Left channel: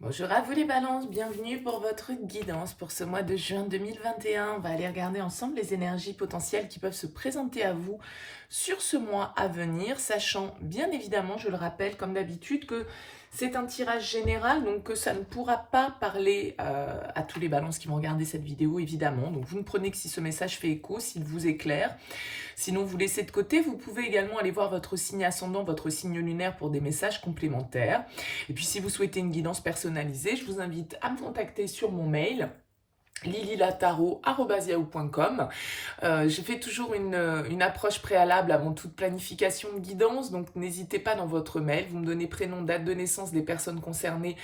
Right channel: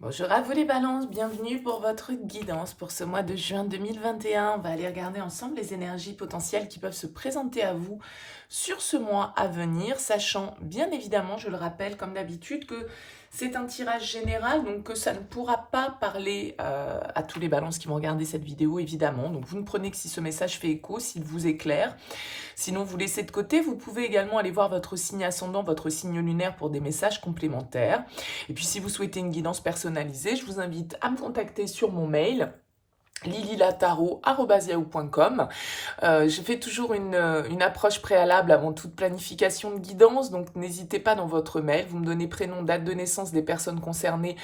Bonjour à vous les balances, bienvenue pour votre guidance pour ce mois de juin 2021. On va aller regarder ensemble les énergies potentielles qui peuvent se présenter à vous sur ce mois à venir, sachant bien évidemment, je le rappelle comme d'habitude, que c'est un tirage général, donc que ça ne pourra pas parler à tous les balances qui vont regarder cette vidéo évidemment. Donc vous ne prenez que si ce message fait écho, s'il vous éclaire. Sinon, vous laissez de côté. Vous pouvez également aller voir votre signe ascendant, votre signe lunaire pour des messages complémentaires. Et puis, si vous souhaitez une guidance personnalisée, je vous invite à me contacter sur mon mail lililataro@yahoo.com. Je fais toujours une approche préalable avant toute planification de guidance, donc n'hésitez pas dans votre mail, vous me donnez prénom, date de naissance des personnes concernées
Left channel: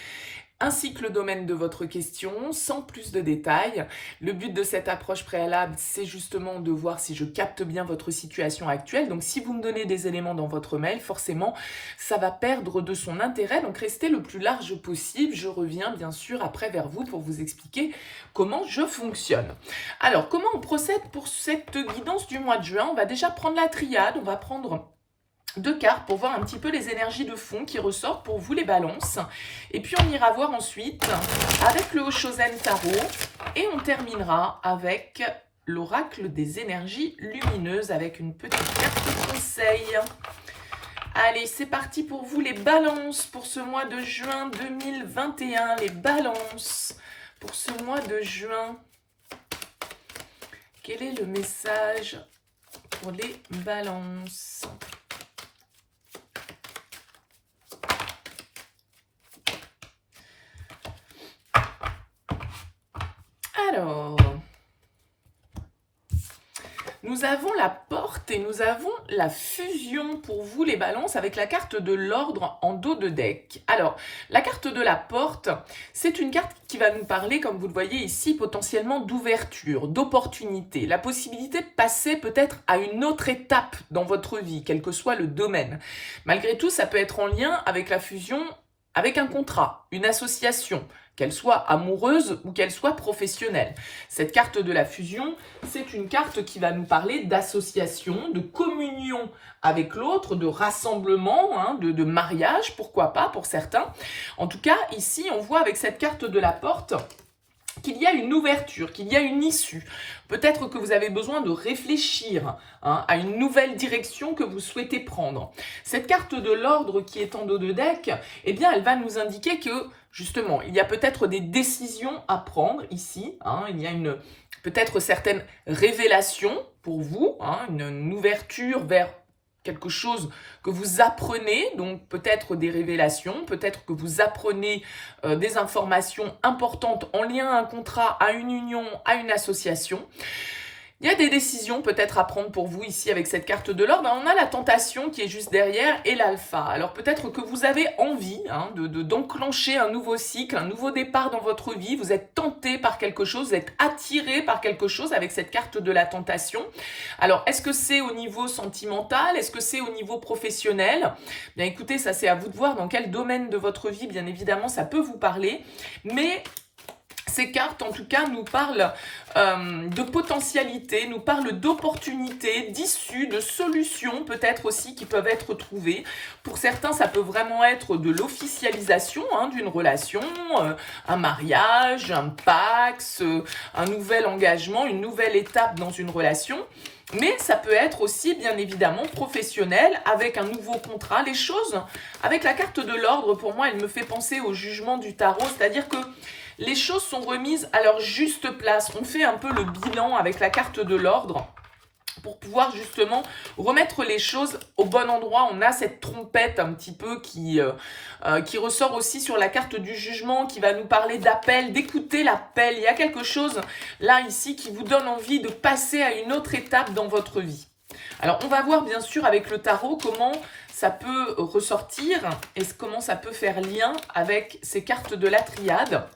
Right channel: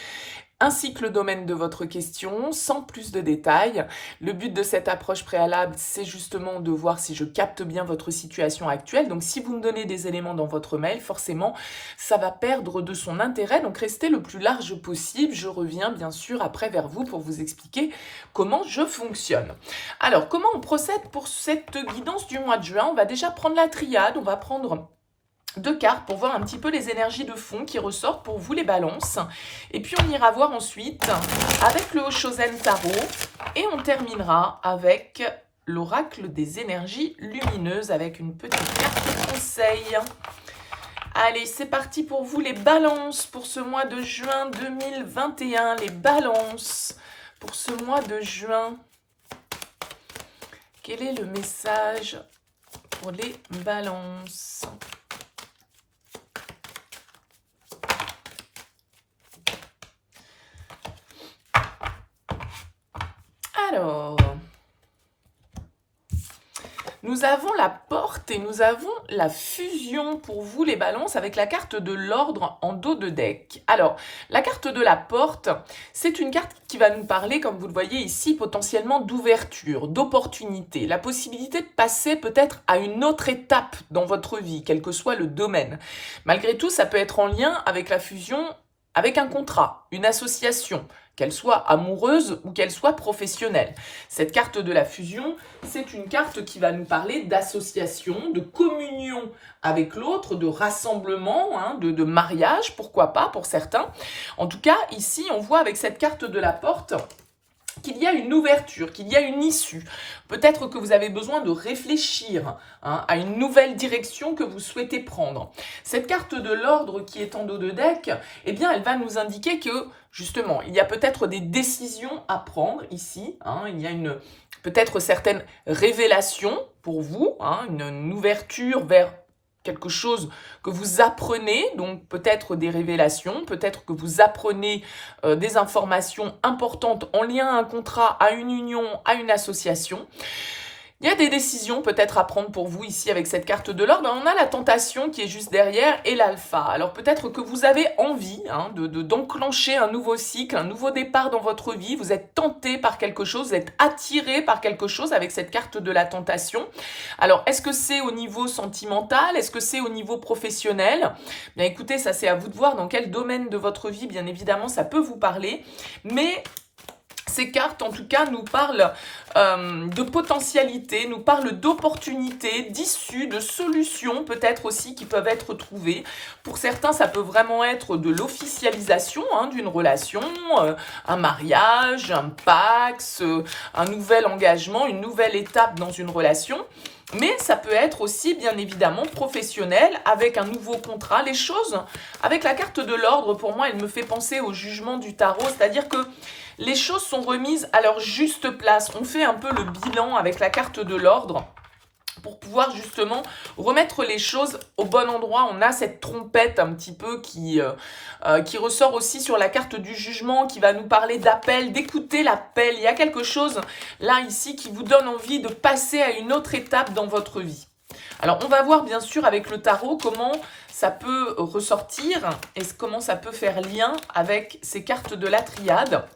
ainsi que le domaine de votre question, sans plus de détails. Le but de cette approche préalable, c'est justement de voir si je capte bien votre situation actuelle. Donc si vous me donnez des éléments dans votre mail, forcément, ça va perdre de son intérêt. Donc restez le plus large possible. Je reviens bien sûr après vers vous pour vous expliquer comment je fonctionne. Alors, comment on procède pour cette guidance du mois de juin? On va déjà prendre la triade, on va prendre deux cartes pour voir un petit peu les énergies de fond qui ressortent pour vous les balances. Et puis on ira voir ensuite avec le Oshozen Tarot et on terminera avec l'oracle des énergies lumineuses avec une petite carte conseil. Allez, c'est parti pour vous les balances pour ce mois de juin 2021. Les balances pour ce mois de juin. Quel est le message pour les balances ? Alors, nous avons la porte et nous avons la fusion pour vous les balances avec la carte de l'ordre en dos de deck. Alors, la carte de la porte, c'est une carte qui va nous parler, comme vous le voyez ici, potentiellement d'ouverture, d'opportunité, la possibilité de passer peut-être à une autre étape dans votre vie, quel que soit le domaine. Malgré tout, ça peut être en lien avec la fusion avec un contrat, une association, qu'elle soit amoureuse ou qu'elle soit professionnelle. Cette carte de la fusion, c'est une carte qui va nous parler d'association, de communion avec l'autre, de rassemblement, de mariage, pourquoi pas pour certains. En tout cas, ici, on voit avec cette carte de la porte qu'il y a une ouverture, qu'il y a une issue. Peut-être que vous avez besoin de réfléchir à une nouvelle direction que vous souhaitez prendre. Cette carte de l'ordre qui est en dos de deck, eh bien, elle va nous indiquer que, justement, il y a peut-être des décisions à prendre ici. Il y a peut-être certaines révélations pour vous, une ouverture vers quelque chose que vous apprenez, donc peut-être des révélations, peut-être que vous apprenez des informations importantes en lien à un contrat, à une union, à une association. Il y a des décisions peut-être à prendre pour vous ici avec cette carte de l'ordre. On a la tentation qui est juste derrière et l'alpha. Alors peut-être que vous avez envie d'enclencher un nouveau cycle, un nouveau départ dans votre vie. Vous êtes tenté par quelque chose, vous êtes attiré par quelque chose avec cette carte de la tentation. Alors est-ce que c'est au niveau sentimental? Est-ce que c'est au niveau professionnel? Bien écoutez, ça c'est à vous de voir dans quel domaine de votre vie, bien évidemment, ça peut vous parler. Mais ces cartes, en tout cas, nous parlent de potentialité, nous parlent d'opportunités, d'issues, de solutions peut-être aussi qui peuvent être trouvées. Pour certains, ça peut vraiment être de l'officialisation d'une relation, un mariage, un pax, un nouvel engagement, une nouvelle étape dans une relation. Mais ça peut être aussi, bien évidemment, professionnel, avec un nouveau contrat. Les choses, avec la carte de l'ordre, pour moi, elle me fait penser au jugement du tarot, c'est-à-dire que les choses sont remises à leur juste place. On fait un peu le bilan avec la carte de l'ordre pour pouvoir justement remettre les choses au bon endroit. On a cette trompette un petit peu qui ressort aussi sur la carte du jugement, qui va nous parler d'appel, d'écouter l'appel. Il y a quelque chose là, ici, qui vous donne envie de passer à une autre étape dans votre vie. Alors, on va voir bien sûr avec le tarot comment ça peut ressortir et comment ça peut faire lien avec ces cartes de la triade.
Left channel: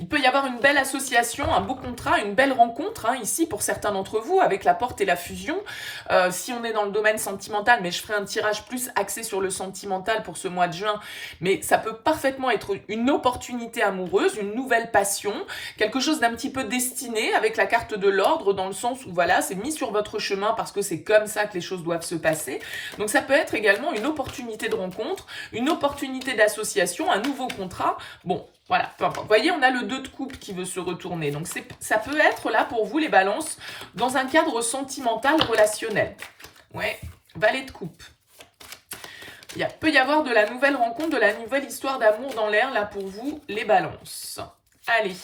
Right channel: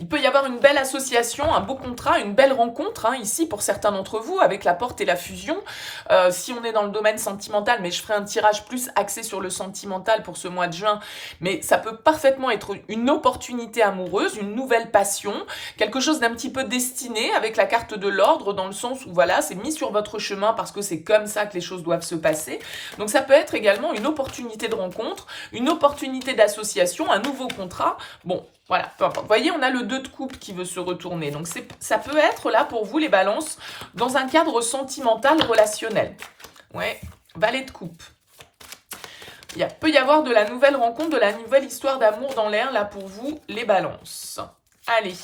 Il peut y avoir une belle association, un beau contrat, une belle rencontre, hein, ici pour certains d'entre vous, avec la porte et la fusion. Si on est dans le domaine sentimental, mais je ferai un tirage plus axé sur le sentimental pour ce mois de juin, mais ça peut parfaitement être une opportunité amoureuse, une nouvelle passion, quelque chose d'un petit peu destiné avec la carte de l'ordre, dans le sens où voilà, c'est mis sur votre chemin parce que c'est comme ça que les choses doivent se passer. Donc ça peut être également une opportunité de rencontre, une opportunité d'association, un nouveau contrat. Bon, voilà, peu importe. Vous voyez, on a le 2 de coupe qui veut se retourner. Donc, ça peut être là pour vous, les balances, dans un cadre sentimental, relationnel. Ouais, valet de coupe. Il peut y avoir de la nouvelle rencontre, de la nouvelle histoire d'amour dans l'air, là, pour vous, les balances. Allez,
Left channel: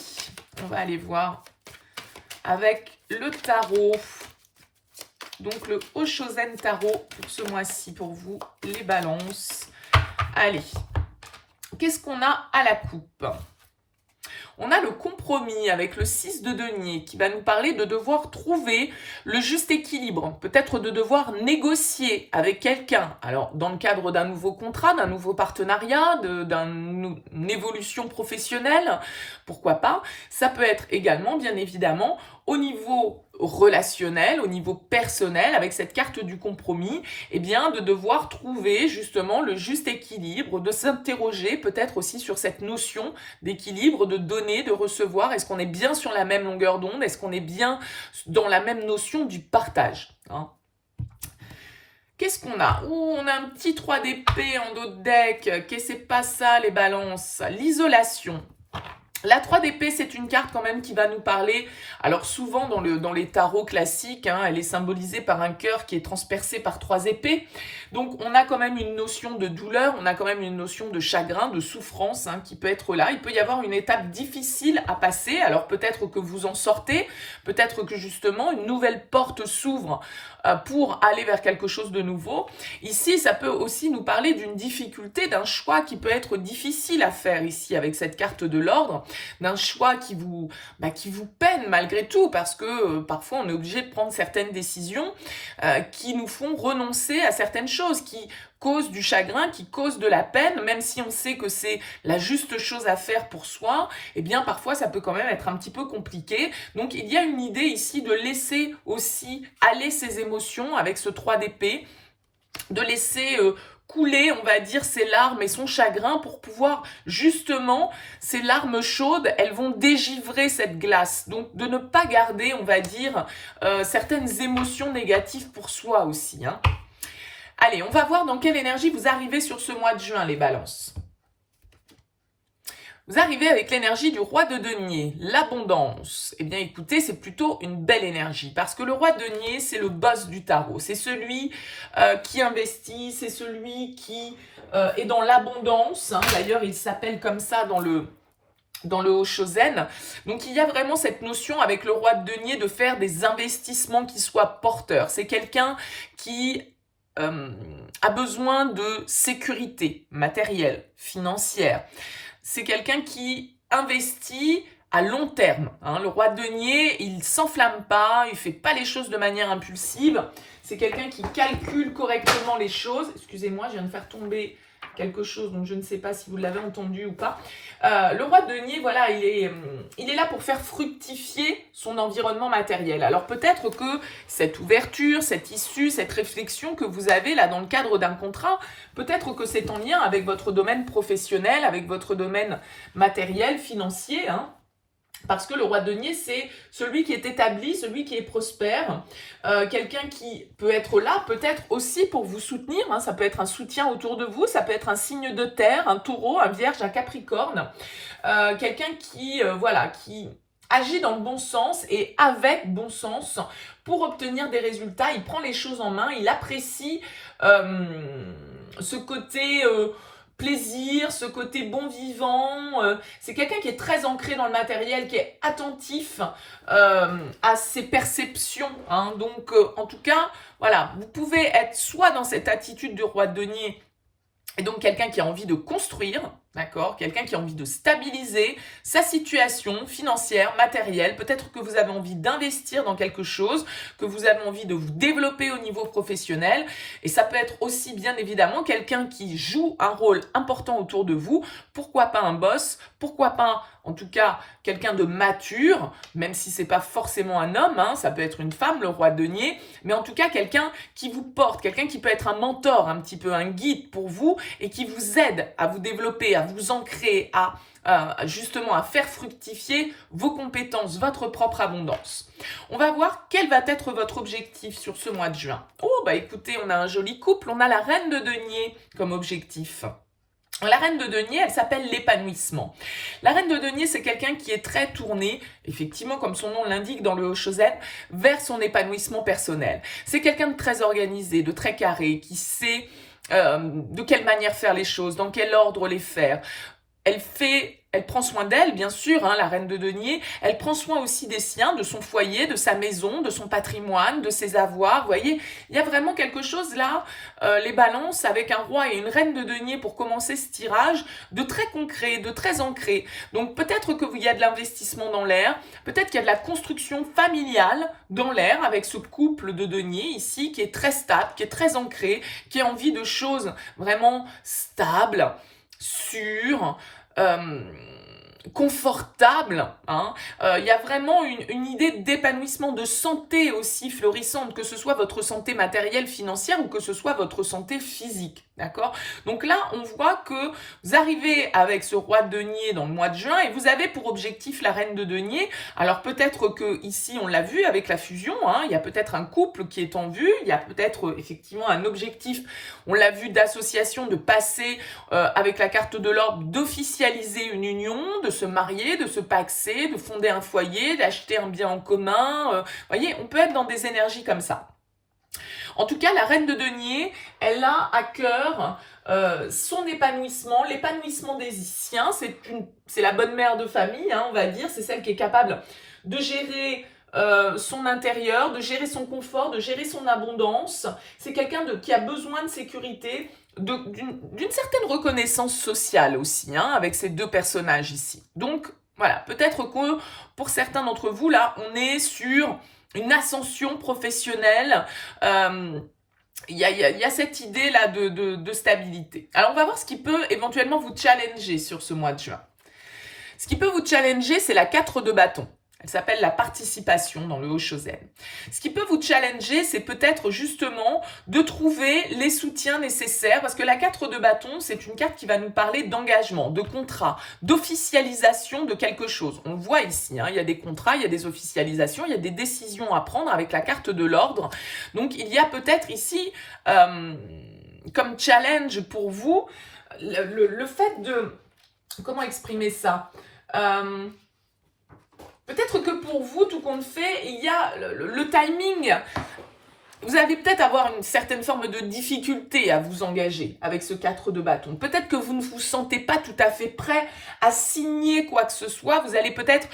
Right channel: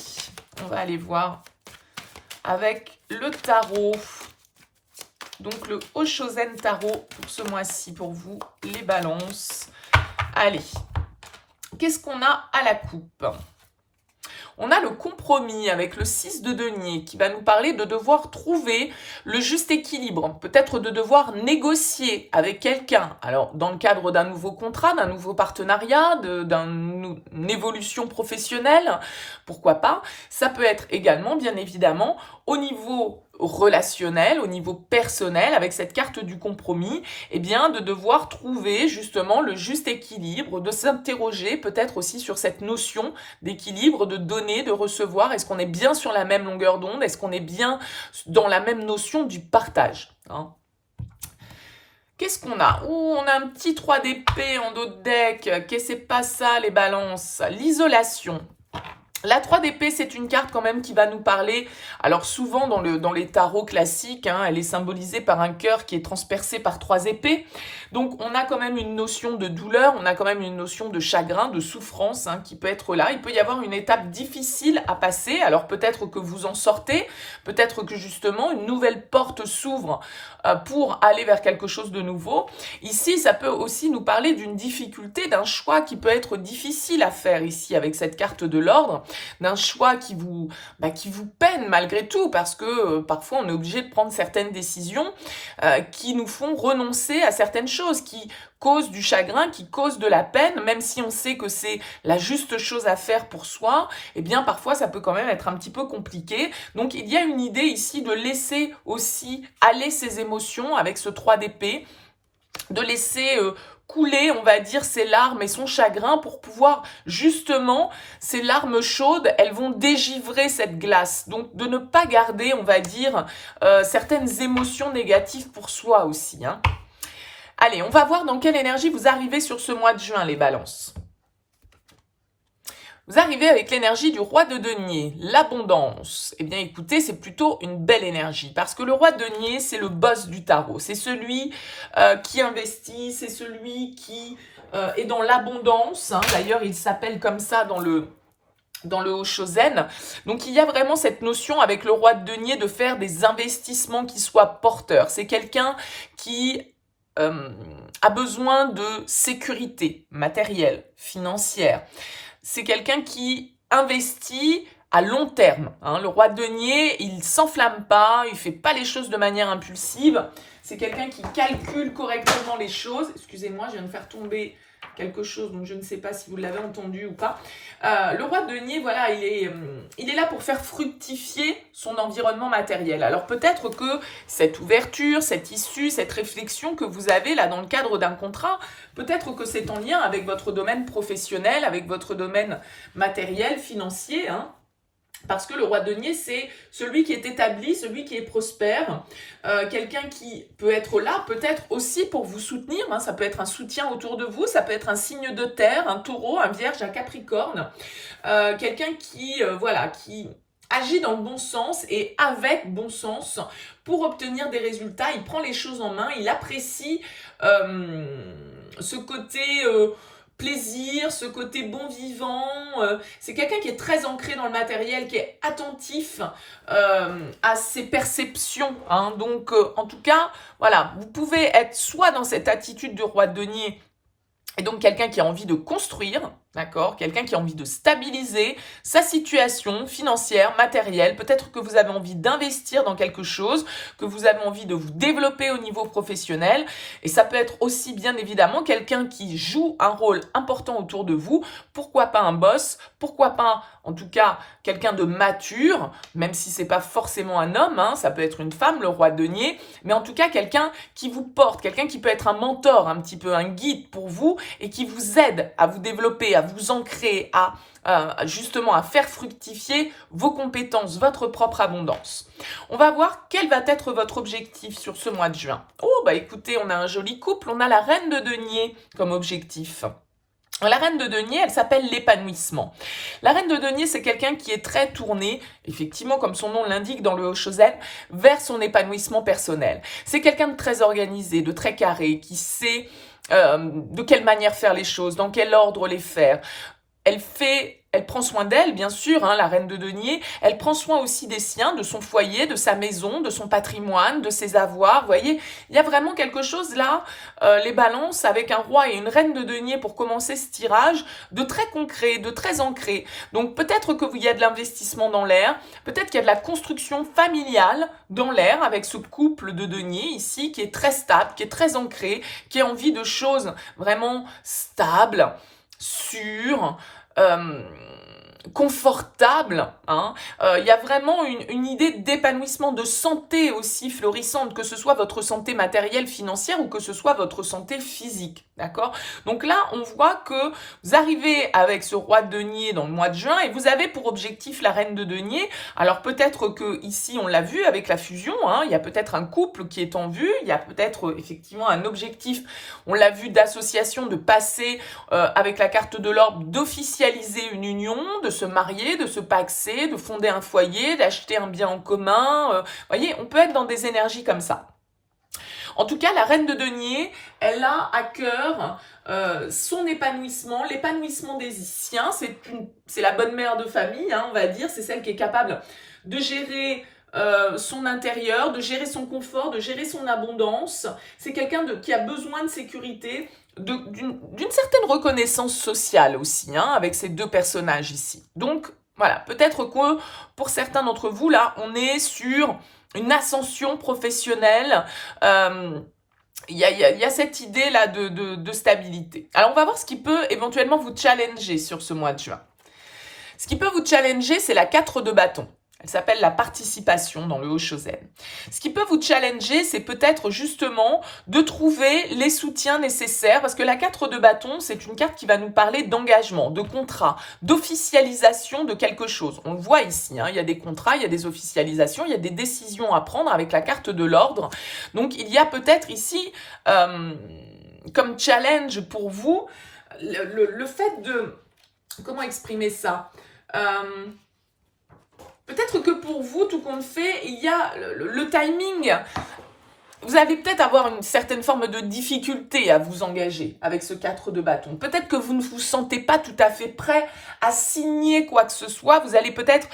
on va aller voir avec le tarot. Donc, le Oshozen Tarot pour ce mois-ci, pour vous, les balances. Allez. Qu'est-ce qu'on a à la coupe? On a le compromis avec le 6 de denier qui va nous parler de devoir trouver le juste équilibre, peut-être de devoir négocier avec quelqu'un. Alors, dans le cadre d'un nouveau contrat, d'un nouveau partenariat, d'une évolution professionnelle, pourquoi pas. Ça peut être également, bien évidemment, au niveau relationnel, au niveau personnel, avec cette carte du compromis, eh bien, de devoir trouver justement le juste équilibre, de s'interroger peut-être aussi sur cette notion d'équilibre, de donner, de recevoir. Est-ce qu'on est bien sur la même longueur d'onde? Est-ce qu'on est bien dans la même notion du partage, hein? Qu'est-ce qu'on a? On a un petit 3 d'épée en dos de deck. Qu'est-ce que c'est pas ça, les balances? L'isolation. La 3 d'épée, c'est une carte quand même qui va nous parler, alors souvent dans les tarots classiques, hein, elle est symbolisée par un cœur qui est transpercé par 3 épées. Donc on a quand même une notion de douleur, on a quand même une notion de chagrin, de souffrance, hein, qui peut être là. Il peut y avoir une étape difficile à passer, alors peut-être que vous en sortez, peut-être que justement une nouvelle porte s'ouvre pour aller vers quelque chose de nouveau. Ici, ça peut aussi nous parler d'une difficulté, d'un choix qui peut être difficile à faire ici avec cette carte de l'ordre, d'un choix qui vous peine malgré tout, parce que parfois on est obligé de prendre certaines décisions qui nous font renoncer à certaines choses, qui causent du chagrin, qui causent de la peine, même si on sait que c'est la juste chose à faire pour soi, eh bien parfois ça peut quand même être un petit peu compliqué. Donc il y a une idée ici de laisser aussi aller ses émotions avec ce 3 d'épée, de laisser couler, on va dire, ses larmes et son chagrin pour pouvoir, justement, ces larmes chaudes, elles vont dégivrer cette glace. Donc, de ne pas garder, on va dire, certaines émotions négatives pour soi aussi, hein. Allez, on va voir dans quelle énergie vous arrivez sur ce mois de juin, les balances. Vous arrivez avec l'énergie du roi de denier, l'abondance. Eh bien, écoutez, c'est plutôt une belle énergie parce que le roi de denier, c'est le boss du tarot. C'est celui qui investit, c'est celui qui est dans l'abondance, hein. D'ailleurs, il s'appelle comme ça dans le Oshozen. Donc, il y a vraiment cette notion avec le roi de denier de faire des investissements qui soient porteurs. C'est quelqu'un qui a besoin de sécurité matérielle, financière. C'est quelqu'un qui investit à long terme, hein. Le roi de denier, il ne s'enflamme pas, il ne fait pas les choses de manière impulsive. C'est quelqu'un qui calcule correctement les choses. Excusez-moi, je viens de faire tomber quelque chose, donc je ne sais pas si vous l'avez entendu ou pas. Le roi de denier, voilà, il est là pour faire fructifier son environnement matériel. Alors peut-être que cette ouverture, cette issue, cette réflexion que vous avez là dans le cadre d'un contrat, peut-être que c'est en lien avec votre domaine professionnel, avec votre domaine matériel, financier, hein. Parce que le roi de denier, c'est celui qui est établi, celui qui est prospère, quelqu'un qui peut être là, peut-être aussi pour vous soutenir, hein, ça peut être un soutien autour de vous, ça peut être un signe de terre, un taureau, un vierge, un capricorne, quelqu'un qui agit dans le bon sens et avec bon sens pour obtenir des résultats. Il prend les choses en main, il apprécie ce côté plaisir, ce côté bon vivant. C'est quelqu'un qui est très ancré dans le matériel, qui est attentif à ses perceptions, hein. Donc, en tout cas, voilà, vous pouvez être soit dans cette attitude du roi de denier, et donc quelqu'un qui a envie de construire, D'accord? Quelqu'un qui a envie de stabiliser sa situation financière, matérielle. Peut-être que vous avez envie d'investir dans quelque chose, que vous avez envie de vous développer au niveau professionnel. Et ça peut être aussi, bien évidemment, quelqu'un qui joue un rôle important autour de vous. Pourquoi pas un boss? Pourquoi pas, en tout cas, quelqu'un de mature, même si c'est pas forcément un homme, hein, ça peut être une femme, le roi de denier, mais en tout cas, quelqu'un qui vous porte, quelqu'un qui peut être un mentor, un petit peu un guide pour vous et qui vous aide à vous développer, à vous ancrer, à justement à faire fructifier vos compétences, votre propre abondance. On va voir quel va être votre objectif sur ce mois de juin. Oh, bah écoutez, on a un joli couple, on a la reine de denier comme objectif. La reine de denier, elle s'appelle l'épanouissement. La reine de denier, c'est quelqu'un qui est très tourné, effectivement, comme son nom l'indique dans le Hoshozen, vers son épanouissement personnel. C'est quelqu'un de très organisé, de très carré, qui sait de quelle manière faire les choses, dans quel ordre les faire. Elle prend soin d'elle, bien sûr, hein, la reine de denier. Elle prend soin aussi des siens, de son foyer, de sa maison, de son patrimoine, de ses avoirs. Vous voyez, il y a vraiment quelque chose là, les balances, avec un roi et une reine de denier pour commencer ce tirage, de très concret, de très ancré. Donc peut-être qu'il y a de l'investissement dans l'air, peut-être qu'il y a de la construction familiale dans l'air avec ce couple de denier ici qui est très stable, qui est très ancré, qui a envie de choses vraiment stables, sûres, confortable. Hein. Y a vraiment une idée d'épanouissement, de santé aussi florissante, que ce soit votre santé matérielle, financière ou que ce soit votre santé physique. D'accord? Donc là, on voit que vous arrivez avec ce roi de denier dans le mois de juin et vous avez pour objectif la reine de denier. Alors peut-être que ici, on l'a vu avec la fusion, hein, il y a peut-être un couple qui est en vue, il y a peut-être effectivement un objectif, on l'a vu, d'association, de passer avec la carte de l'ordre, d'officialiser une union, de se marier, de se paxer, de fonder un foyer, d'acheter un bien en commun. Voyez, on peut être dans des énergies comme ça. En tout cas, la reine de denier, elle a à cœur son épanouissement, l'épanouissement des siens. C'est la bonne mère de famille, hein, on va dire. C'est celle qui est capable de gérer son intérieur, de gérer son confort, de gérer son abondance. C'est quelqu'un qui a besoin de sécurité, d'une certaine reconnaissance sociale aussi, hein, avec ces deux personnages ici. Donc, voilà, peut-être que pour certains d'entre vous, là, on est sur une ascension professionnelle. Il y a cette idée-là de stabilité. Alors, on va voir ce qui peut éventuellement vous challenger sur ce mois de juin. Ce qui peut vous challenger, c'est la 4 de bâton. Elle s'appelle la participation dans le Hoshozen. Ce qui peut vous challenger, c'est peut-être justement de trouver les soutiens nécessaires, parce que la 4 de bâton, c'est une carte qui va nous parler d'engagement, de contrat, d'officialisation de quelque chose. On le voit ici, hein, il y a des contrats, il y a des officialisations, il y a des décisions à prendre avec la carte de l'ordre. Donc il y a peut-être ici, comme challenge pour vous, le fait de... Comment exprimer ça peut-être que pour vous, tout compte fait, il y a le timing. Vous allez peut-être avoir une certaine forme de difficulté à vous engager avec ce 4 de bâton. Peut-être que vous ne vous sentez pas tout à fait prêt à signer quoi que ce soit. Vous allez peut-être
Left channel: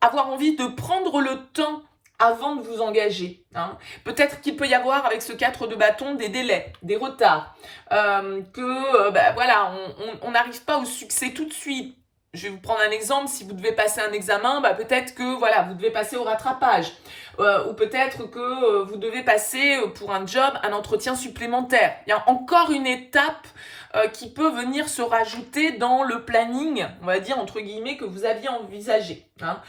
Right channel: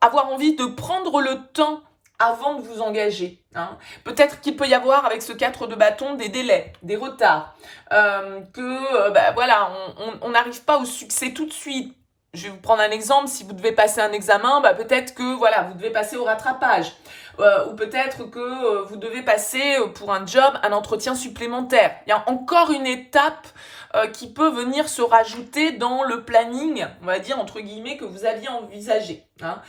avoir envie de prendre le temps avant de vous engager. Hein. Peut-être qu'il peut y avoir avec ce 4 de bâton des délais, des retards, voilà, on n'arrive pas au succès tout de suite. Je vais vous prendre un exemple, si vous devez passer un examen, peut-être que voilà, vous devez passer au rattrapage. Ou peut-être que vous devez passer pour un job, un entretien supplémentaire. Il y a encore une étape qui peut venir se rajouter dans le planning, on va dire entre guillemets, que vous aviez envisagé. Hein.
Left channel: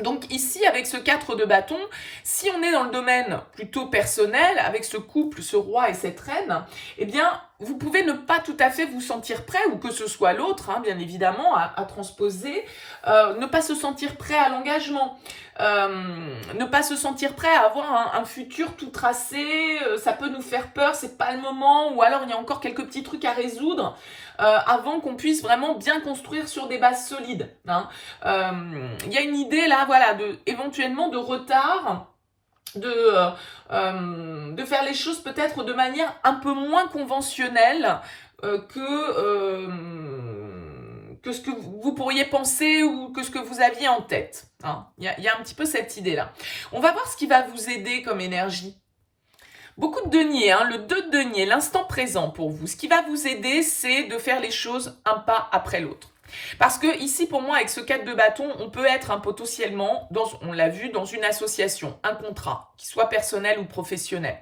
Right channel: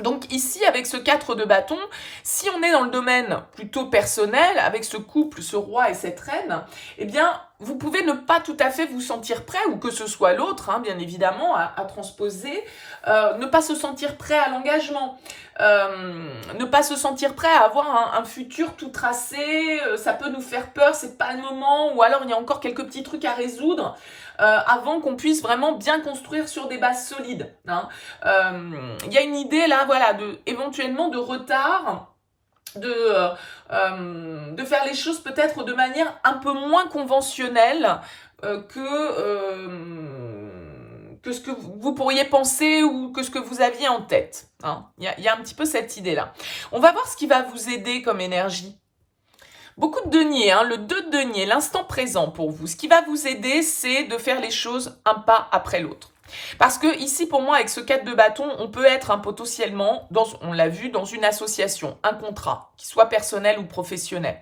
Donc ici, avec ce 4 de bâton, si on est dans le domaine plutôt personnel, avec ce couple, ce roi et cette reine, eh bien, vous pouvez ne pas tout à fait vous sentir prêt, ou que ce soit l'autre, hein, bien évidemment, à transposer, ne pas se sentir prêt à l'engagement, ne pas se sentir prêt à avoir un futur tout tracé, ça peut nous faire peur, c'est pas le moment, ou alors il y a encore quelques petits trucs à résoudre, avant qu'on puisse vraiment bien construire sur des bases solides. Hein. Y a une idée là, voilà, éventuellement de retard, de faire les choses peut-être de manière un peu moins conventionnelle que ce que vous pourriez penser ou que ce que vous aviez en tête. Hein. Y a un petit peu cette idée-là. On va voir ce qui va vous aider comme énergie. Beaucoup de deniers, hein, le 2 de denier, l'instant présent pour vous. Ce qui va vous aider, c'est de faire les choses un pas après l'autre. Parce que ici, pour moi, avec ce 4 de bâton, on peut être potentiellement, on l'a vu, dans une association, un contrat, qui soit personnel ou professionnel.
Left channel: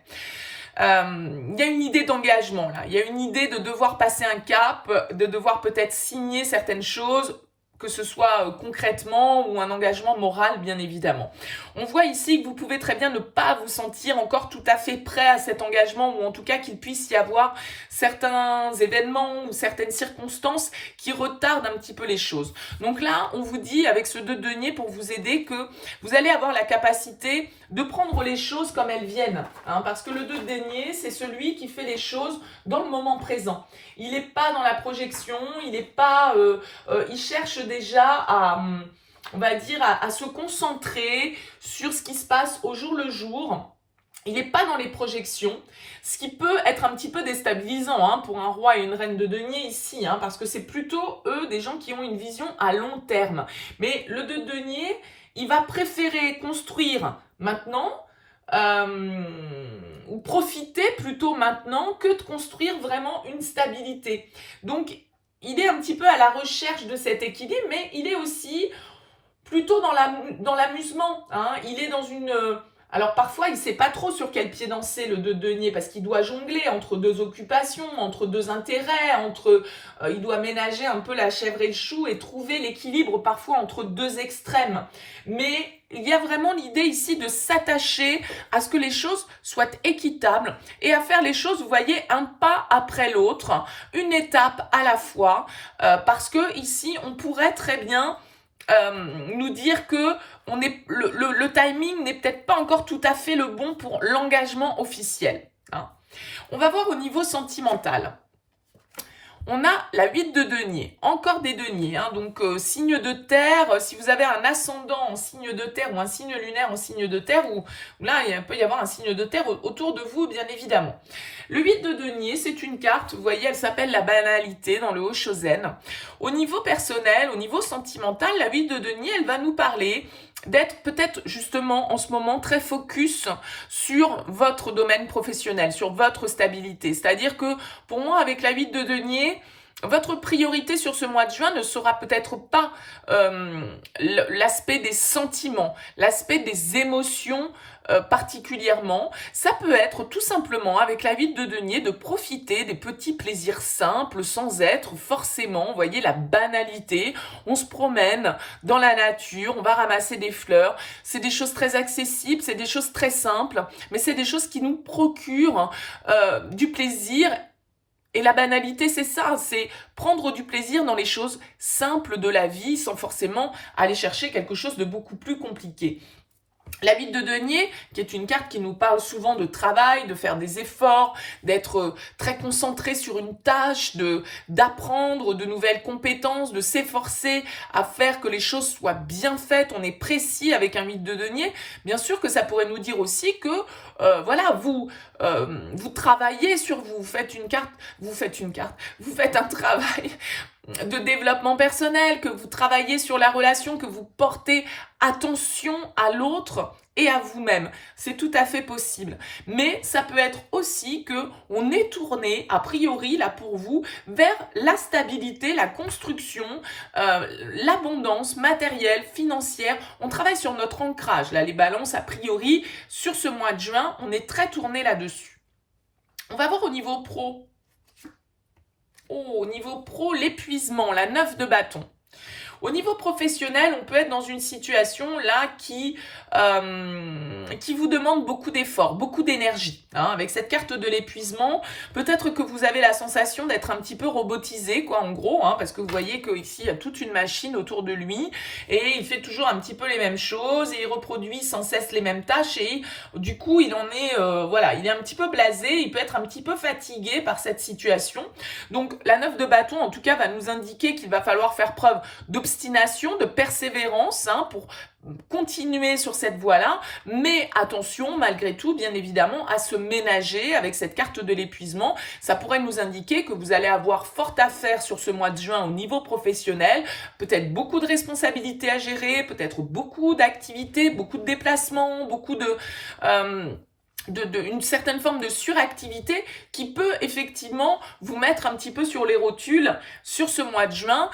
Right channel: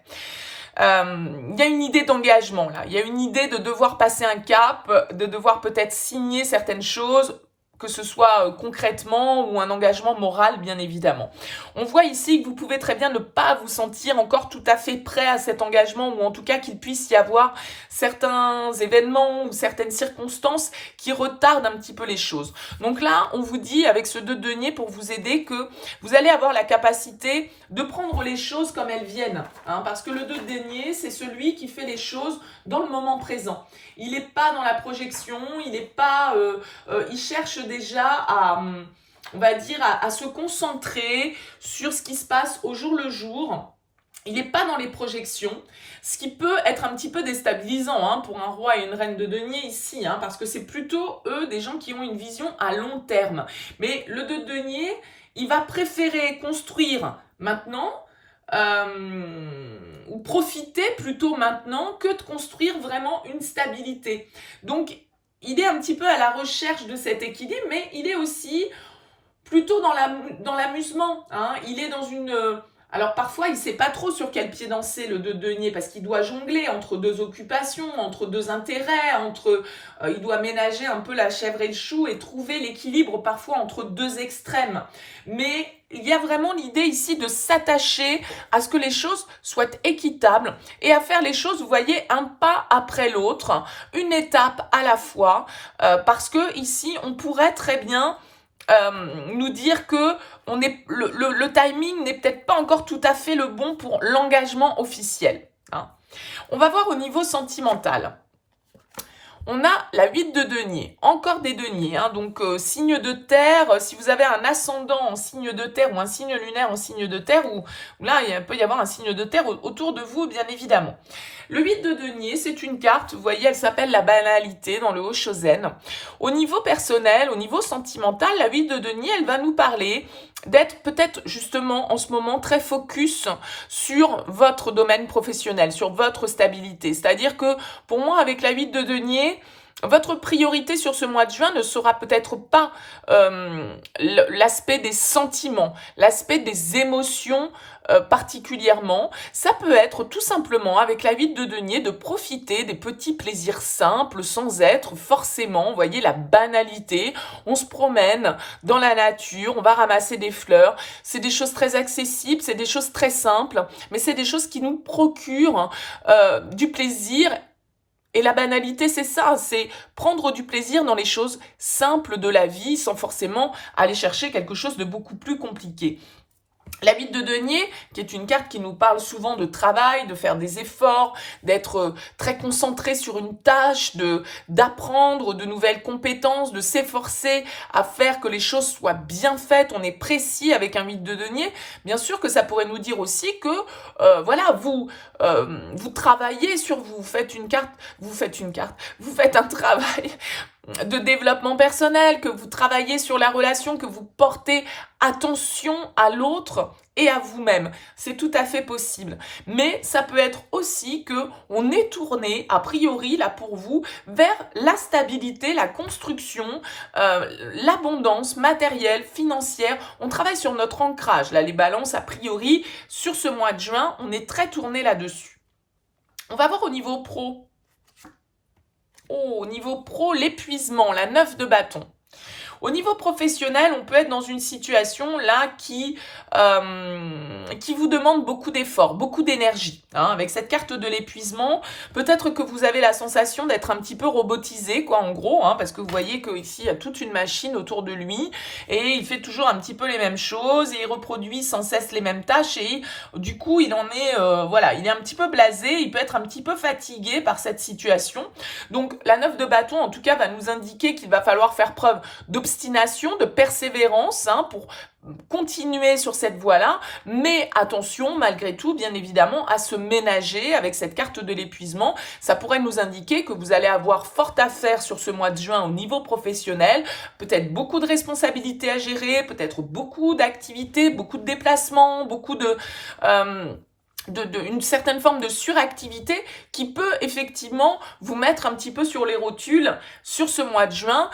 Il y a une idée d'engagement là, il y a une idée de devoir passer un cap, de devoir peut-être signer certaines choses, que ce soit concrètement ou un engagement moral, bien évidemment. On voit ici que vous pouvez très bien ne pas vous sentir encore tout à fait prêt à cet engagement, ou en tout cas qu'il puisse y avoir certains événements ou certaines circonstances qui retardent un petit peu les choses. Donc là, on vous dit avec ce 2 de denier pour vous aider que vous allez avoir la capacité de prendre les choses comme elles viennent. Hein, parce que le 2 de denier, c'est celui qui fait les choses dans le moment présent. Il n'est pas dans la projection, il n'est pas, il cherche déjà à, on va dire, à se concentrer sur ce qui se passe au jour le jour. Il n'est pas dans les projections, ce qui peut être un petit peu déstabilisant hein, pour un roi et une reine de denier ici, hein, parce que c'est plutôt eux des gens qui ont une vision à long terme. Mais le 2 de denier, il va préférer construire maintenant, ou profiter plutôt maintenant que de construire vraiment une stabilité. Donc, il est un petit peu à la recherche de cet équilibre, mais il est aussi plutôt dans l'amusement. Hein. Il est dans une... Alors parfois, il ne sait pas trop sur quel pied danser le 2 de denier parce qu'il doit jongler entre 2 occupations, entre 2 intérêts, il doit ménager un peu la chèvre et le chou et trouver l'équilibre parfois entre 2 extrêmes. Mais il y a vraiment l'idée ici de s'attacher à ce que les choses soient équitables et à faire les choses, vous voyez, un pas après l'autre, une étape à la fois, parce que ici, on pourrait très bien nous dire que le timing n'est peut-être pas encore tout à fait le bon pour l'engagement officiel. Hein. On va voir au niveau sentimental. On a la 8 de denier, encore des deniers, hein, donc signe de terre, si vous avez un ascendant en signe de terre ou un signe lunaire en signe de terre, ou là il peut y avoir un signe de terre autour de vous bien évidemment. Le 8 de denier, c'est une carte, vous voyez, elle s'appelle la banalité dans le Hoshozen. Au niveau personnel, au niveau sentimental, la 8 de denier, elle va nous parler d'être peut-être justement en ce moment très focus sur votre domaine professionnel, sur votre stabilité. C'est-à-dire que pour moi, avec la 8 de denier, votre priorité sur ce mois de juin ne sera peut-être pas l'aspect des sentiments, l'aspect des émotions particulièrement. Ça peut être tout simplement, avec la 8 de denier, de profiter des petits plaisirs simples sans être forcément, vous voyez, la banalité. On se promène dans la nature, on va ramasser des fleurs. C'est des choses très accessibles, c'est des choses très simples, mais c'est des choses qui nous procurent du plaisir. Et la banalité, c'est ça, c'est prendre du plaisir dans les choses simples de la vie sans forcément aller chercher quelque chose de beaucoup plus compliqué. La 8 de denier, qui est une carte qui nous parle souvent de travail, de faire des efforts, d'être très concentré sur une tâche, d'apprendre de nouvelles compétences, de s'efforcer à faire que les choses soient bien faites. On est précis avec un 8 de denier. Bien sûr que ça pourrait nous dire aussi que voilà, vous travaillez sur vous, vous faites un travail de développement personnel, que vous travaillez sur la relation, que vous portez attention à l'autre et à vous-même. C'est tout à fait possible. Mais ça peut être aussi que on est tourné, a priori, là pour vous, vers la stabilité, la construction, l'abondance matérielle, financière. On travaille sur notre ancrage. Là, les balances, a priori, sur ce mois de juin, on est très tourné là-dessus. On va voir au niveau pro. Oh, au niveau pro, l'épuisement, la 9 de bâton. Au niveau professionnel, on peut être dans une situation là qui vous demande beaucoup d'efforts, beaucoup d'énergie. Hein. Avec cette carte de l'épuisement, peut-être que vous avez la sensation d'être un petit peu robotisé, quoi, en gros, hein, parce que vous voyez qu'ici, il y a toute une machine autour de lui et il fait toujours un petit peu les mêmes choses et il reproduit sans cesse les mêmes tâches et du coup, il en est, voilà, il est un petit peu blasé, il peut être un petit peu fatigué par cette situation. Donc, la 9 de bâton, en tout cas, va nous indiquer qu'il va falloir faire preuve d'obstination, de persévérance, hein, pour continuer sur cette voie-là, mais attention, malgré tout, bien évidemment, à se ménager avec cette carte de l'épuisement. Ça pourrait nous indiquer que vous allez avoir fort à faire sur ce mois de juin au niveau professionnel, peut-être beaucoup de responsabilités à gérer, peut-être beaucoup d'activités, beaucoup de déplacements, beaucoup de une certaine forme de suractivité qui peut effectivement vous mettre un petit peu sur les rotules sur ce mois de juin.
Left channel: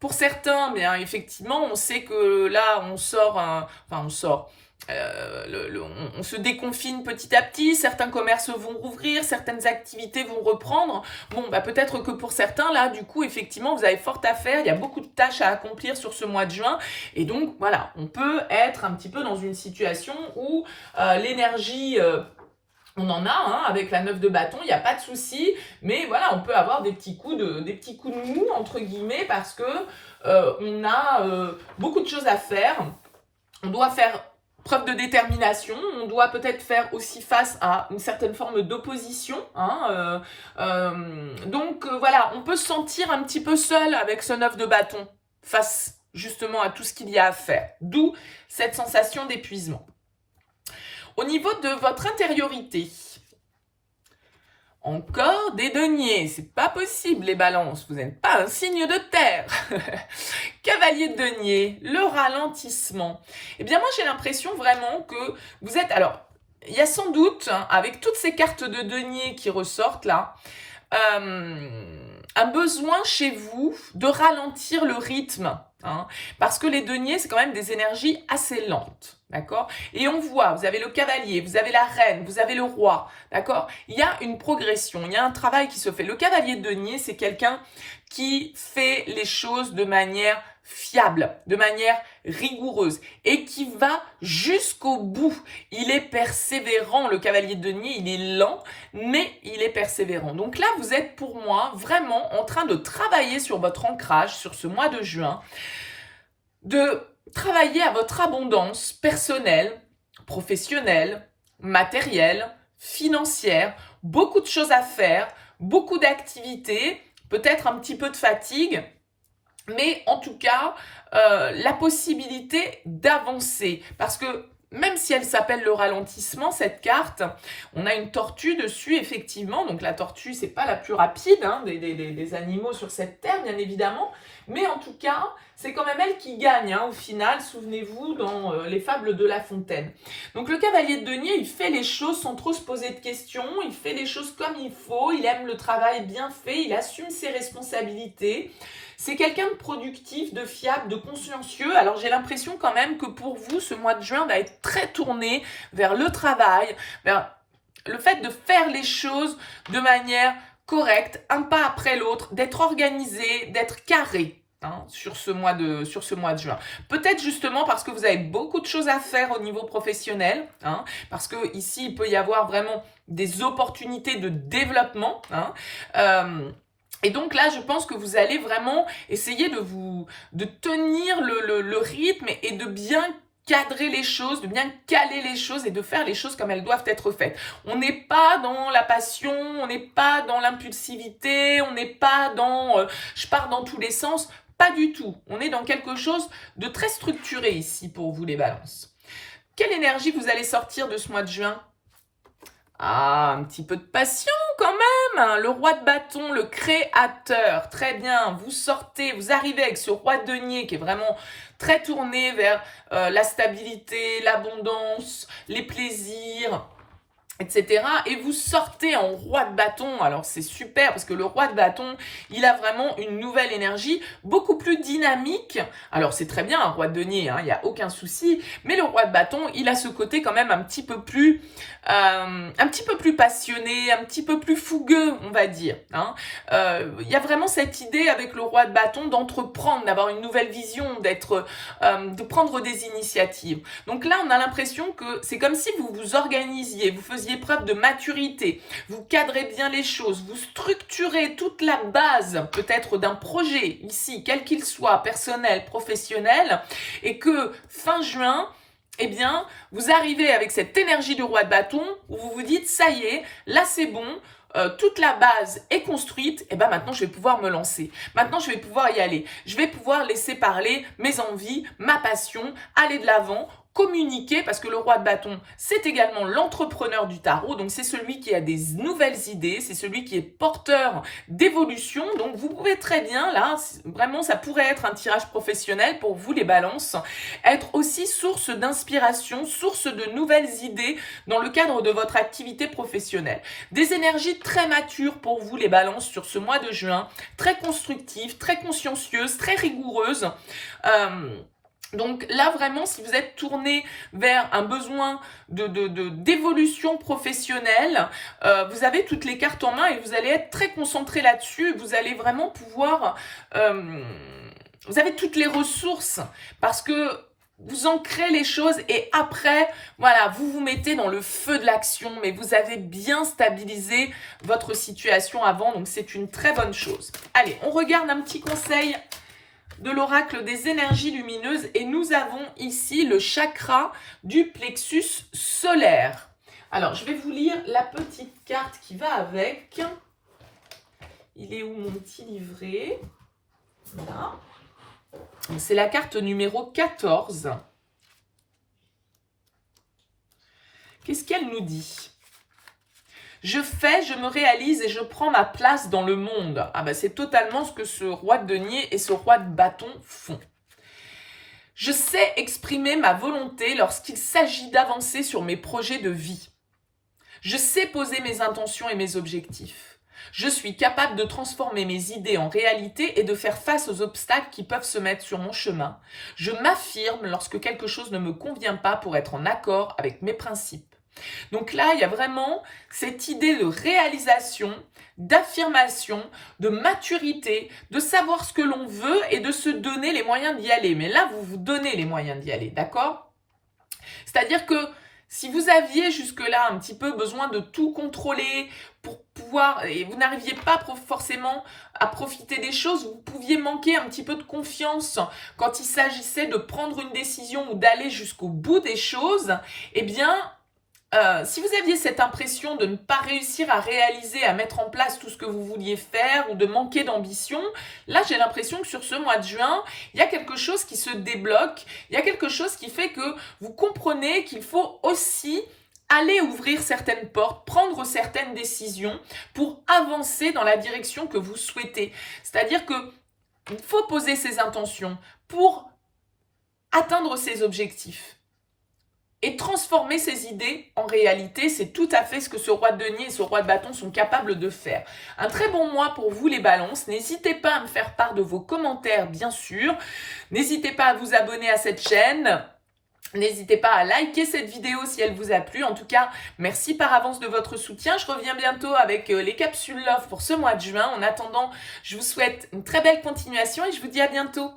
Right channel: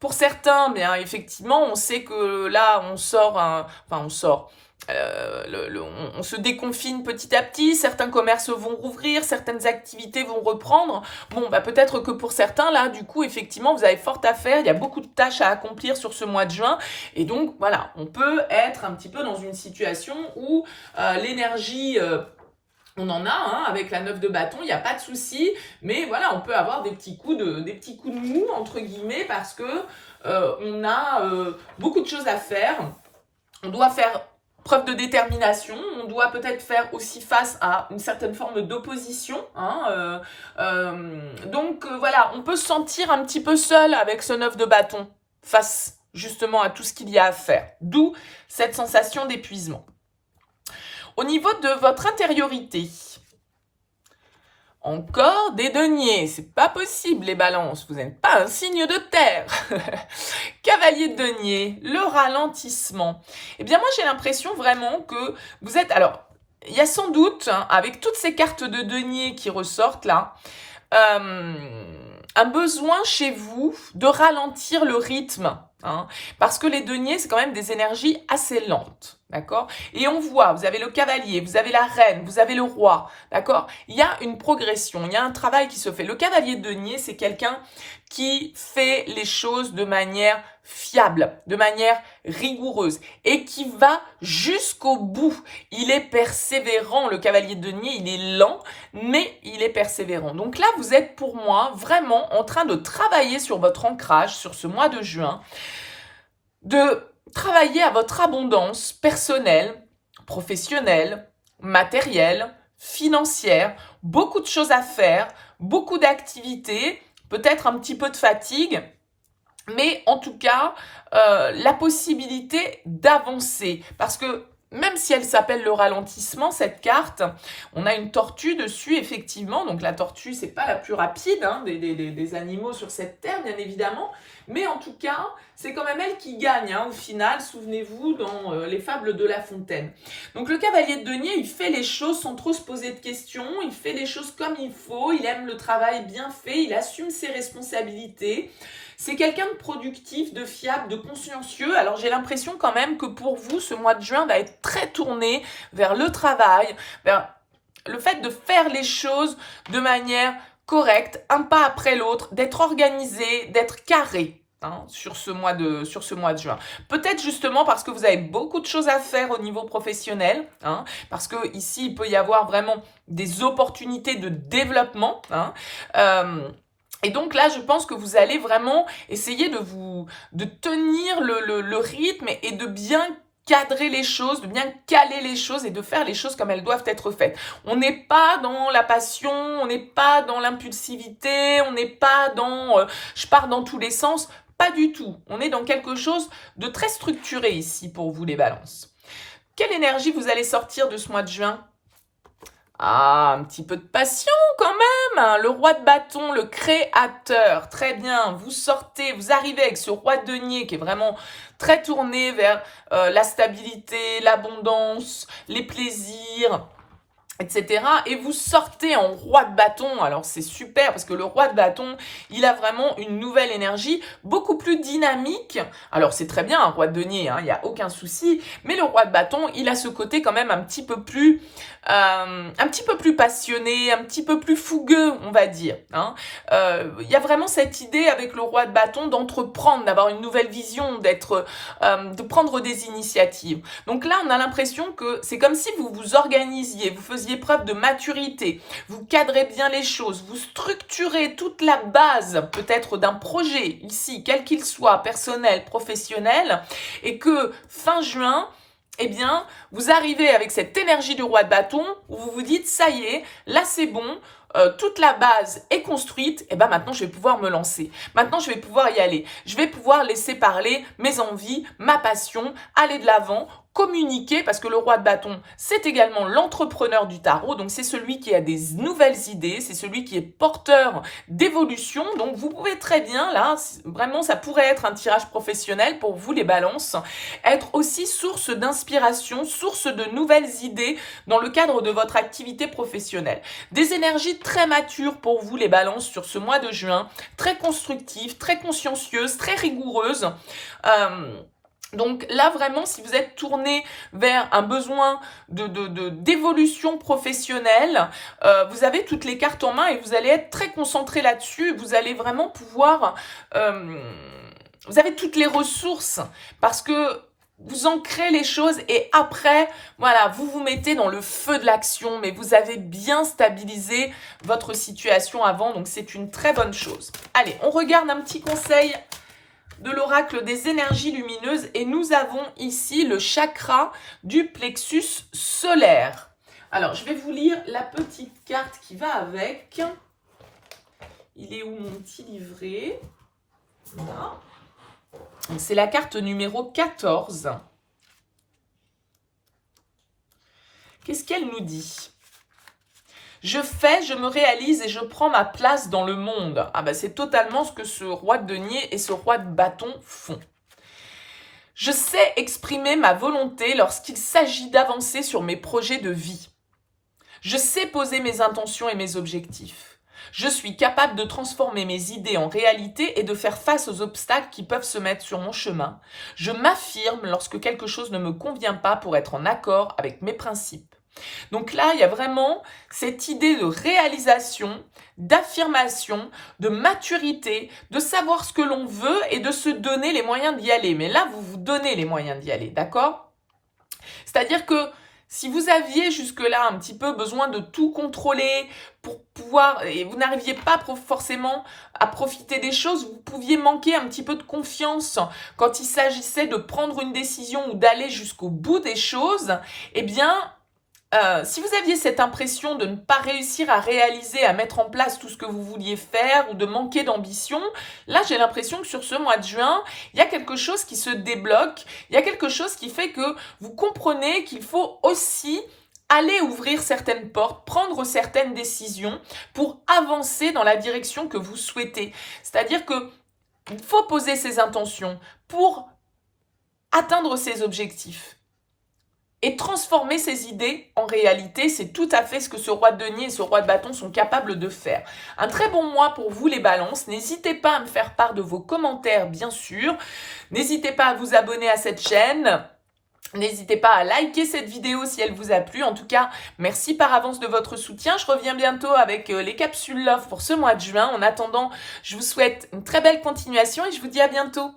Pour certains, bien effectivement, on sait que là, on se déconfine petit à petit, certains commerces vont rouvrir, certaines activités vont reprendre. Bon, bah peut-être que pour certains, là, du coup, effectivement, vous avez fort à faire, il y a beaucoup de tâches à accomplir sur ce mois de juin, et donc, voilà, on peut être un petit peu dans une situation où l'énergie... on en a, hein, avec la 9 de bâton, il n'y a pas de souci, mais voilà, on peut avoir des petits coups de mou, entre guillemets, parce que on a beaucoup de choses à faire. On doit faire preuve de détermination, on doit peut-être faire aussi face à une certaine forme d'opposition. Hein, donc voilà, on peut se sentir un petit peu seul avec ce 9 de bâton face justement à tout ce qu'il y a à faire. D'où cette sensation d'épuisement. Au niveau de votre intériorité, encore des deniers, c'est pas possible les balances, vous n'êtes pas un signe de terre. Cavalier de denier, le ralentissement. Eh bien moi j'ai l'impression vraiment que vous êtes... Alors, il y a sans doute, hein, avec toutes ces cartes de denier qui ressortent là, un besoin chez vous de ralentir le rythme. Hein, parce que les deniers, c'est quand même des énergies assez lentes, d'accord? Et on voit, vous avez le cavalier, vous avez la reine, vous avez le roi, d'accord? Il y a une progression, il y a un travail qui se fait. Le cavalier de denier, c'est quelqu'un qui fait les choses de manière fiable, de manière rigoureuse et qui va jusqu'au bout. Il est persévérant, le cavalier de denier, il est lent, mais il est persévérant. Donc là, vous êtes pour moi vraiment en train de travailler sur votre ancrage, sur ce mois de juin, de travailler à votre abondance personnelle, professionnelle, matérielle, financière, beaucoup de choses à faire, beaucoup d'activités, peut-être un petit peu de fatigue, mais en tout cas, la possibilité d'avancer. Parce que même si elle s'appelle le ralentissement, cette carte, on a une tortue dessus, effectivement. Donc la tortue, c'est pas la plus rapide, hein, des animaux sur cette terre, bien évidemment. Mais en tout cas, c'est quand même elle qui gagne, hein, au final, souvenez-vous, dans les fables de La Fontaine. Donc le cavalier de denier, il fait les choses sans trop se poser de questions, il fait les choses comme il faut, il aime le travail bien fait, il assume ses responsabilités. C'est quelqu'un de productif, de fiable, de consciencieux. Alors j'ai l'impression quand même que pour vous, ce mois de juin va être très tourné vers le travail, vers le fait de faire les choses de manière correcte, un pas après l'autre, d'être organisé, d'être carré. Hein, sur ce mois de juin. Peut-être justement parce que vous avez beaucoup de choses à faire au niveau professionnel, hein, parce que ici il peut y avoir vraiment des opportunités de développement. Hein, et donc là, je pense que vous allez vraiment essayer de tenir le rythme et de bien cadrer les choses, de bien caler les choses et de faire les choses comme elles doivent être faites. On n'est pas dans la passion, on n'est pas dans l'impulsivité, on n'est pas dans je pars dans tous les sens, pas du tout. On est dans quelque chose de très structuré ici pour vous les balances. Quelle énergie vous allez sortir de ce mois de juin ? Ah, un petit peu de passion quand même, hein. Le roi de bâton, le créateur, très bien, vous sortez, vous arrivez avec ce roi de denier qui est vraiment très tourné vers la stabilité, l'abondance, les plaisirs, etc. Et vous sortez en roi de bâton. Alors c'est super parce que le roi de bâton, il a vraiment une nouvelle énergie, beaucoup plus dynamique. Alors c'est très bien un roi de denier, hein, il n'y a aucun souci. Mais le roi de bâton, il a ce côté quand même un petit peu plus passionné, un petit peu plus fougueux, on va dire. Hein. Il y a vraiment cette idée avec le roi de bâton d'entreprendre, d'avoir une nouvelle vision, de prendre des initiatives. Donc là, on a l'impression que c'est comme si vous vous organisiez, vous faisiez preuve de maturité, vous cadrez bien les choses, vous structurez toute la base peut-être d'un projet ici, quel qu'il soit, personnel, professionnel, et que fin juin, eh bien, vous arrivez avec cette énergie du roi de bâton où vous vous dites, ça y est, là c'est bon, toute la base est construite, et ben maintenant je vais pouvoir me lancer. Maintenant je vais pouvoir y aller. Je vais pouvoir laisser parler mes envies, ma passion, aller de l'avant, communiquer, parce que le roi de bâton, c'est également l'entrepreneur du tarot, donc c'est celui qui a des nouvelles idées, c'est celui qui est porteur d'évolution, donc vous pouvez très bien, là, vraiment, ça pourrait être un tirage professionnel pour vous, les balances, être aussi source d'inspiration, source de nouvelles idées dans le cadre de votre activité professionnelle. Des énergies très matures pour vous, les balances, sur ce mois de juin, très constructives, très consciencieuses, très rigoureuses. Donc là, vraiment, si vous êtes tourné vers un besoin d'évolution professionnelle, vous avez toutes les cartes en main et vous allez être très concentré là-dessus. Vous allez vraiment pouvoir... vous avez toutes les ressources parce que vous ancrez les choses et après, voilà, vous vous mettez dans le feu de l'action, mais vous avez bien stabilisé votre situation avant, donc c'est une très bonne chose. Allez, on regarde un petit conseil de l'oracle des énergies lumineuses et nous avons ici le chakra du plexus solaire. Alors, je vais vous lire la petite carte qui va avec. Il est où mon petit livret? Là. C'est la carte numéro 14. Qu'est-ce qu'elle nous dit? Je fais, je me réalise et je prends ma place dans le monde. Ah ben c'est totalement ce que ce roi de denier et ce roi de bâton font. Je sais exprimer ma volonté lorsqu'il s'agit d'avancer sur mes projets de vie. Je sais poser mes intentions et mes objectifs. Je suis capable de transformer mes idées en réalité et de faire face aux obstacles qui peuvent se mettre sur mon chemin. Je m'affirme lorsque quelque chose ne me convient pas pour être en accord avec mes principes. Donc là, il y a vraiment cette idée de réalisation, d'affirmation, de maturité, de savoir ce que l'on veut et de se donner les moyens d'y aller. Mais là, vous vous donnez les moyens d'y aller, d'accord? C'est-à-dire que si vous aviez jusque-là un petit peu besoin de tout contrôler pour pouvoir, et vous n'arriviez pas forcément à profiter des choses, vous pouviez manquer un petit peu de confiance quand il s'agissait de prendre une décision ou d'aller jusqu'au bout des choses, eh bien, si vous aviez cette impression de ne pas réussir à réaliser, à mettre en place tout ce que vous vouliez faire ou de manquer d'ambition, là j'ai l'impression que sur ce mois de juin, il y a quelque chose qui se débloque, il y a quelque chose qui fait que vous comprenez qu'il faut aussi aller ouvrir certaines portes, prendre certaines décisions pour avancer dans la direction que vous souhaitez. C'est-à-dire qu'il faut poser ses intentions pour atteindre ses objectifs. Et transformer ses idées en réalité, c'est tout à fait ce que ce roi de denier et ce roi de bâton sont capables de faire. Un très bon mois pour vous les balances. N'hésitez pas à me faire part de vos commentaires, bien sûr. N'hésitez pas à vous abonner à cette chaîne. N'hésitez pas à liker cette vidéo si elle vous a plu. En tout cas, merci par avance de votre soutien. Je reviens bientôt avec les capsules Love pour ce mois de juin. En attendant, je vous souhaite une très belle continuation et je vous dis à bientôt.